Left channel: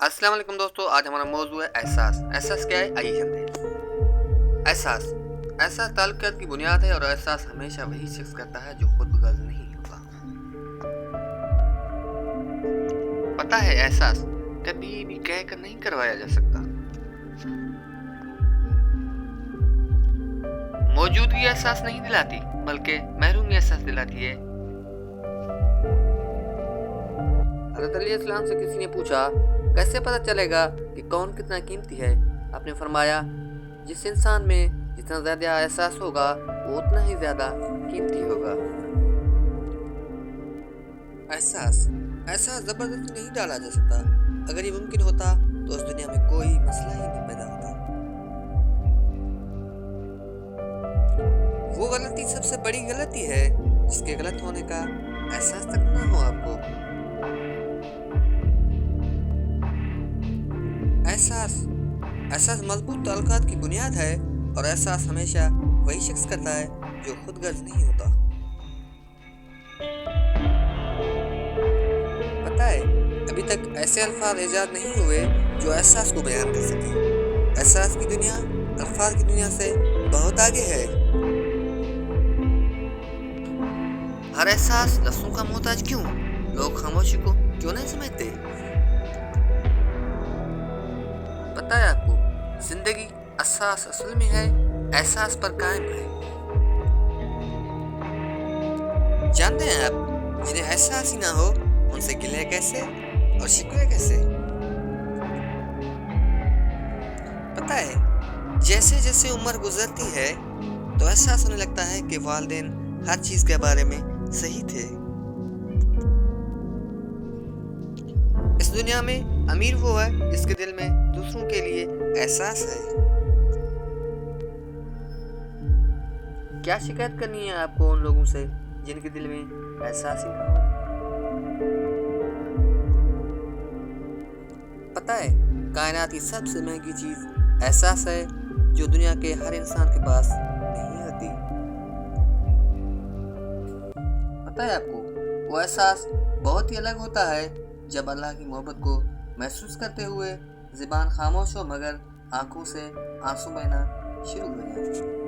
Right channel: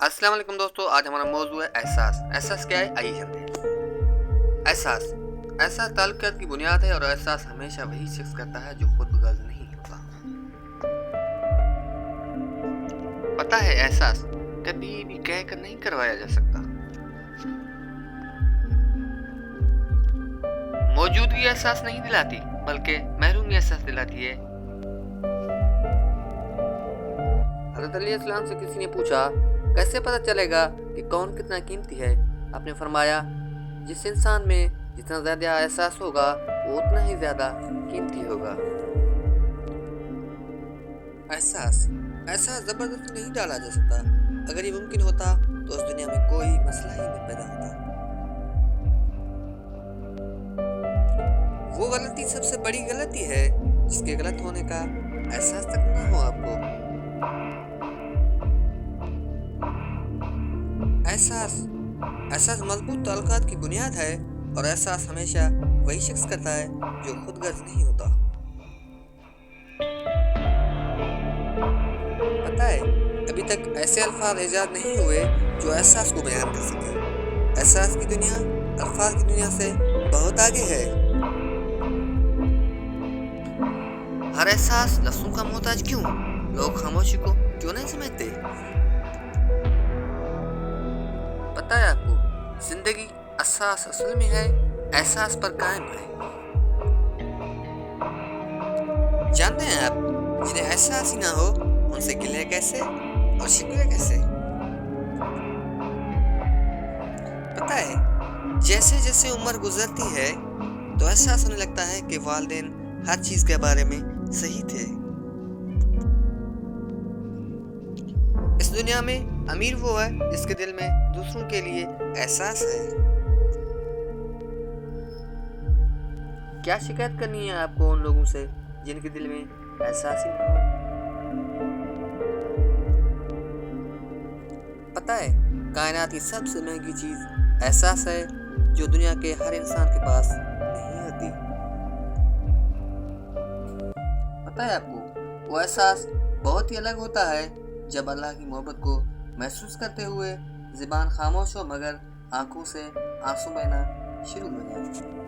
अस्सलाम वालेकुम दोस्तों, आज हमारा मौजू है एहसास। एहसास क्या है, आइए जानते हैं। एहसास एहसास ताल्लुकात की बुनियाद है और एहसास हमेशा वही शख्स करता है जो खुद गर्ज नहीं होता। पता है, एहसास कभी भी कह कर नहीं करवाया जा सकता। मौजूदगी एहसास नहीं दिलाती, बल्कि महरूमी एहसास दिलाती है। हज़रत अली इस्लाम से किसी ने पूछा, कैसे पता चलेगा कि कौन कितना कीमती है? आपने फरमाया, जिस इंसान में जितना ज़्यादा एहसास होगा वो उतना ही ज़्यादा कीमती होगा। एहसास एहसास ज़बरदस्ती नहीं डाला जा सकता। अगर ये मुमकिन होता तो उस दुनिया में कोई मसला ही नहीं पैदा होता। वो गलती सबसे बड़ी गलती है जिसके गलत होने का एहसास तक ना हो आपको। एहसास एहसास मजबूत ताल्लुकात की बुनियाद है और एहसास हमेशा वही शख्स करता है जो खुद गर्ज नहीं होता। पता है, अभी तक ऐसे अल्फाज ईजाद नहीं हुए जो एहसास को बयान कर सके। एहसास की दुनिया अल्फाज की दुनिया से बहुत आगे है। हर एहसास लफ्ज़ों का मोहताज क्यों? लोग खामोशी को क्यों नहीं समझते? पता है आपको, जिंदगी एहसास असल में है, एहसास पर कायम है। जानते हैं आप, जिन्हें एहसास ही ना हो उनसे गिले कैसे और शिकवे कैसे? पता है, जैसे जैसे उम्र गुजरती है तो एहसास होने लगता है कि वालिदैन हर चीज के बारे में सही थे। इस दुनिया में अमीर वो है जिसके दिल में दूसरों के लिए एहसास है। क्या शिकायत करनी है आपको उन लोगों से जिनके दिल में एहसास ही ना हो? पता है, कायनात की सबसे महंगी चीज एहसास है, जो दुनिया के हर इंसान के पास नहीं होती। पता है आपको, वो एहसास बहुत ही अलग होता है जब अल्लाह की मोहब्बत को महसूस करते हुए ज़ुबान खामोश हो मगर आंखों से आंसू बहना शुरू हो जाए।